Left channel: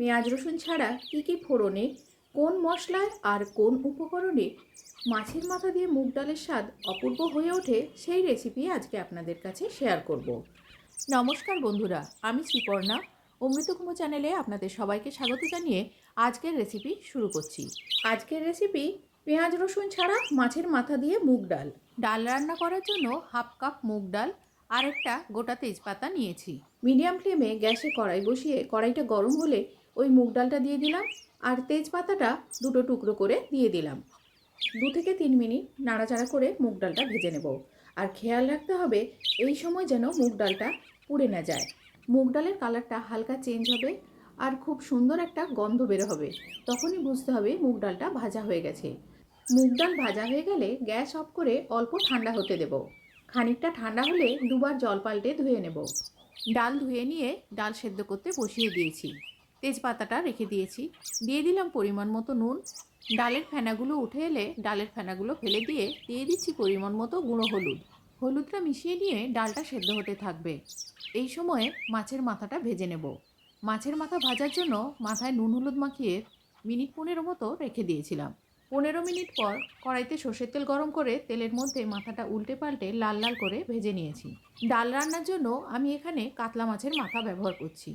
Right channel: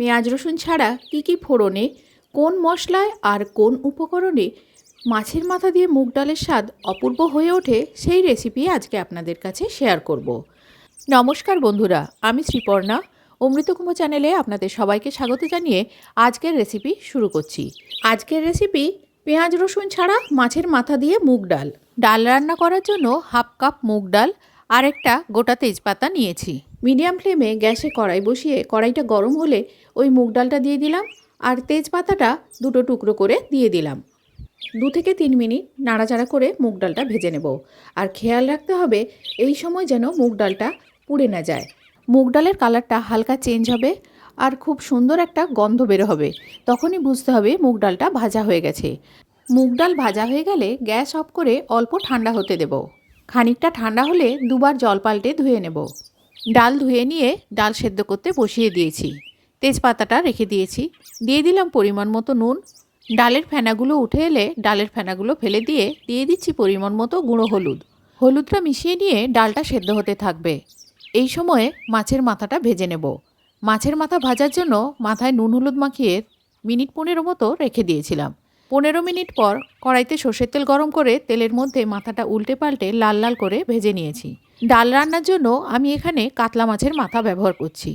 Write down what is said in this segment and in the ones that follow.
পেঁয়াজ রসুন ছাড়া কী কী ফোড়নে, কোন মশলায় আর কোন উপকরণে মাছের মাথা দিয়ে মুগ ডালের স্বাদ অপূর্ব হয়ে ওঠে সেই রেসিপি আজকে আপনাদের কাছে শেয়ার করব। নমস্কার বন্ধুরা, আমি শ্রীপর্ণা অমৃতকুম্ভ চ্যানেলে আপনাদের সবাইকে স্বাগত জানিয়ে আজকের রেসিপি শুরু করছি। আজকের রেসিপি পেঁয়াজ রসুন ছাড়া মাছের মাথা দিয়ে মুগ ডাল। ডাল রান্না করার জন্য হাফ কাপ মুগ ডাল আর একটা গোটা তেজপাতা নিয়েছি। মিডিয়াম ফ্লেমে গ্যাসে কড়াই বসিয়ে কড়াইটা গরম হলে ওই মুগ ডালটা দিয়ে দিলাম আর তেজপাতাটা দুটো টুকরো করে দিয়ে দিলাম। দু থেকে তিন মিনিট নাড়াচাড়া করে মুগ ডালটা ভেজে নেব। আর খেয়াল রাখতে হবে এই সময় যেন মুগ ডালটা পুড়ে না যায়। মুগ ডালের কালারটা হালকা চেঞ্জ হবে আর খুব সুন্দর একটা গন্ধ বের হবে। তখনই বুঝতে হবে মুগ ডালটা ভাজা হয়ে গেছে। মুগ ডাল ভাজা হয়ে গেলে গ্যাস অফ করে অল্প ঠান্ডা হতে দেব। খানিকটা ঠান্ডা হলে দুবার জল পাল্টে ধুয়ে নেব। ডাল ধুয়ে নিয়ে ডাল সেদ্ধ করতে বসিয়ে দিয়েছি। তেজপাতাটা রেখে দিয়েছি। দিয়ে দিলাম পরিমাণ মতো নুন। ডালের ফেনাগুলো উঠে এলে ডালের ফেনাগুলো ফেলে দিয়ে দিয়ে দিচ্ছি পরিমাণ মতো গুঁড়ো হলুদ। হলুদটা মিশিয়ে নিয়ে ডালটা সেদ্ধ হতে থাকবে। এই সময়ে মাছের মাথাটা ভেজে নেব। মাছের মাথা ভাজার জন্য মাথায় নুন হলুদ মাখিয়ে মিনিট পনেরো মতো রেখে দিয়েছিলাম। পনেরো মিনিট পর কড়াইতে সর্ষের তেল গরম করে তেলের মধ্যে মাথাটা উল্টে পাল্টে লাল লাল করে ভেজে নিয়েছি। ডাল রান্নার জন্য আমি এখানে কাতলা মাছের মাথা ব্যবহার করছি।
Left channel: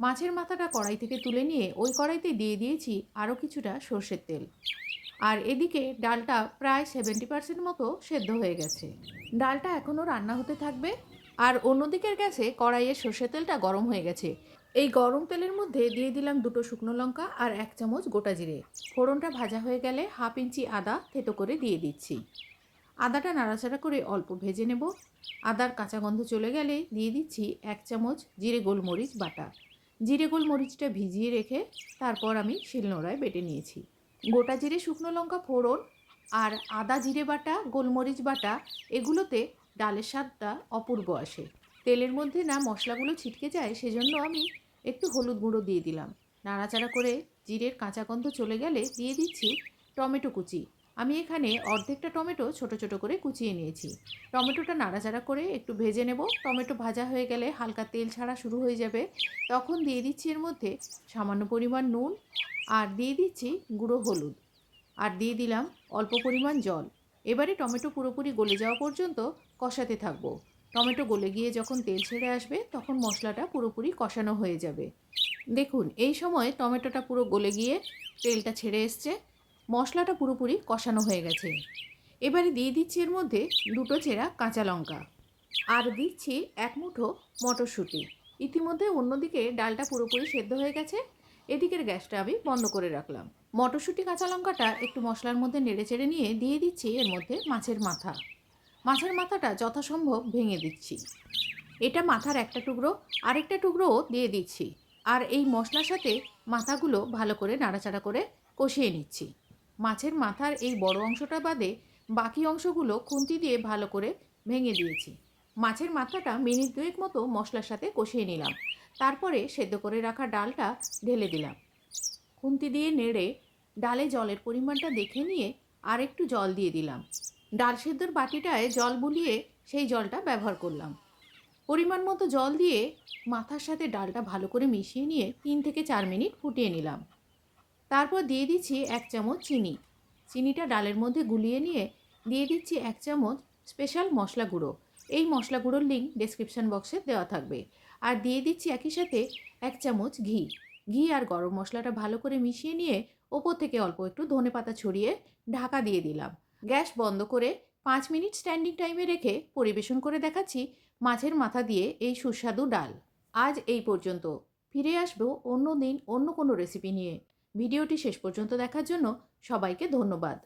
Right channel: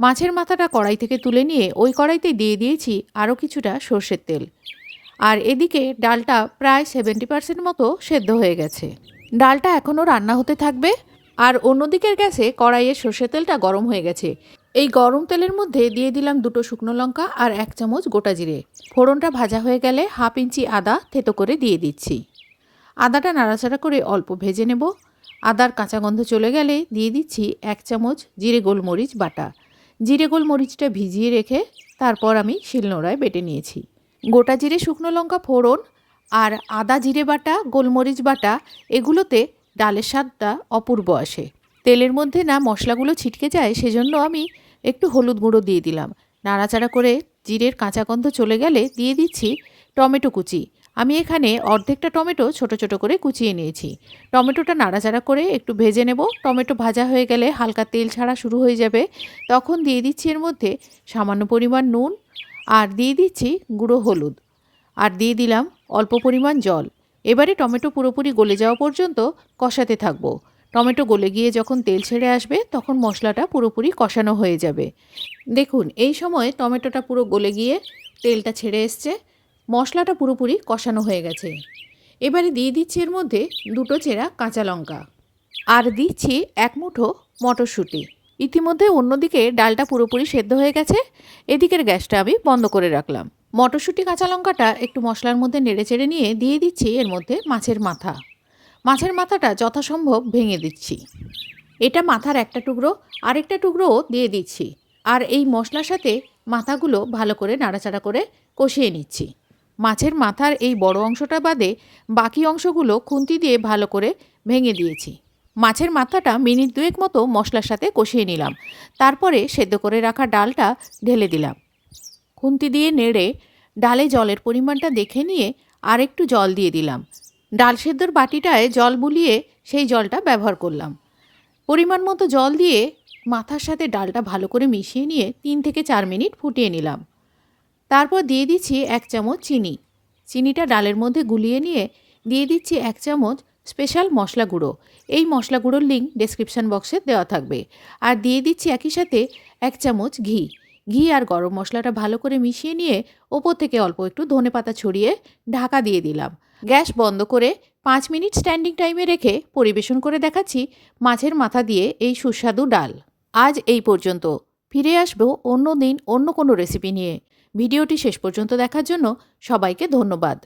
মাছের মাথাটা কড়াই থেকে তুলে নিয়ে ওই কড়াইতে দিয়ে দিয়েছি আরও কিছুটা সর্ষের তেল। আর এদিকে ডালটা প্রায় সেভেন্টি পার্সেন্ট মতো সেদ্ধ হয়ে গেছে। ডালটা এখনও রান্না হতে থাকবে। আর অন্যদিকের গ্যাসে কড়াইয়ের সর্ষের তেলটা গরম হয়ে গেছে। এই গরম তেলের মধ্যে দিয়ে দিলাম দুটো শুকনো লঙ্কা আর এক চামচ গোটা জিরে। ফোড়নটা ভাজা হয়ে গেলে হাফ ইঞ্চি আদা থেতো করে দিয়ে দিচ্ছি। আদাটা নাড়াচাড়া করে অল্প ভেজে নেব। আদার কাঁচা গন্ধ চলে গেলে দিয়ে দিচ্ছি এক চামচ জিরে গোলমরিচ বাটা। জিরে গোলমরিচটা ভিজিয়ে রেখে তারপর আমি শিলনোড়ায় বেটে নিয়েছি। গোটা জিরে শুকনো লঙ্কা ফোড়ন আর আদা জিরে বাটা, গোলমরিচ বাটা এগুলোতে ডালের স্বাদটা অপূর্ব আসে। তেলের মধ্যে না মশলাগুলো ছিটকে যায় সেজন্য আমি একটু হলুদ গুঁড়ো দিয়ে দিলাম। নাড়াচাড়া করে জিরের কাঁচা গন্ধ চলে গেলে দিয়ে দিচ্ছি টমেটো কুচি। আমি এখানে অর্ধেকটা টমেটো ছোট ছোট করে কুচিয়ে নিয়েছি। টমেটোটা নাড়াচাড়া করে একটু ভেজে নেব। টমেটো ভাজা হয়ে গেলে হালকা তেল ছাড়া শুরু হয়ে যাবে। তখন দিয়ে দিচ্ছি এর মধ্যে সামান্য পরিমাণ নুন আর দিয়ে দিচ্ছি গুঁড়ো হলুদ। আর দিয়ে দিলাম অল্প পরিমাণ জল। এবারে টমেটো পুরোপুরি গলে যাওয়া পর্যন্ত কষাতে থাকব। টমেটো গলে গিয়ে যখন তেল ছেড়ে আসবে, তখন মশলাটা পুরোপুরি কষানো হয়ে যাবে। দেখুন, এই সময় টমেটোটা পুরো গলে গিয়ে তেলটা ছেড়ে এসছে। মশলাটা পুরোপুরি কষানো হয়ে গেছে। এবারে দিয়ে দিচ্ছি এর মধ্যে দুটো চেরা কাঁচা লঙ্কা। আর দিচ্ছি এক মুঠো মটরশুঁটি। ইতিমধ্যে অন্যদিকে ডালটা পুরোপুরি সেদ্ধ হয়ে গেছে। এদিকের গ্যাসটা আমি বন্ধ করে রাখলাম। মটরশুঁটি কাঁচা লঙ্কাটা একটু মশলার মধ্যে নেড়ে চেড়ে নিয়ে দিয়ে দিচ্ছি এর মধ্যে মাছের মাথা। মাছের মাথাটা যথাসম্ভব ভেঙে দিচ্ছি। এটা মাথার একটা টুকরো, আরেকটা টুকরোও দিয়ে দিচ্ছি। আর এই মশলার সাথে মাথাগুলো ভালো করে নাড়াচাড়া করে কষিয়ে নিচ্ছি। মাছের মাথার এই বড় অংশটা বাদে বাকি অংশগুলো খুন্তি দিয়ে ভালো করে ভেঙে দিয়েছি। মাছের মাথাটা মিনিট দুয়েক মতো মশলার সাথে কষিয়ে নিলাম। তারপরে সেদ্ধ করে রাখা ডালটা ঢেলে দিলাম। খুন্তি দিয়ে নেড়ে ডালে জলের পরিমাণটা দেখে নিয়ে আর একটু জল দিয়ে দিলাম। ডাল সেদ্ধর বাটিটায় জল বুলিয়ে সেই জলটা ব্যবহার করলাম। পরিমাণ মতো জল দিয়ে মাথার সাথে ডালটা ভালো করে মিশিয়ে নিয়ে তিন থেকে চার মিনিট ফুটিয়ে নিলাম। তারপর দিয়ে দিচ্ছি এক চামচ চিনি। চিনিটা ডালের মধ্যে গুলিয়ে নিয়ে দিয়ে দিচ্ছি এক চামচ স্পেশাল মশলা গুঁড়ো। এই মশলা গুঁড়োর লিঙ্ক ডেসক্রিপশান বক্সে দেওয়া থাকবে। আর দিয়ে দিচ্ছি একই সাথে এক চামচ ঘি। ঘি আর গরম মশলাটা ভালো করে মিশিয়ে নিয়ে ওপর থেকে অল্প একটু ধনে পাতা ছড়িয়ে ঢাকা দিয়ে দিলাম। গ্যাস বন্ধ করে পাঁচ মিনিট স্ট্যান্ডিং টাইমে রেখে পরিবেশন করে দেখাচ্ছি মাছের মাথা দিয়ে এই সুস্বাদু ডাল। আজ এই পর্যন্ত। ফিরে আসব অন্য দিন অন্য কোনো রেসিপি নিয়ে। ভিডিওটি শেষ পর্যন্ত দেখার জন্য সবাইকে ধন্যবাদ।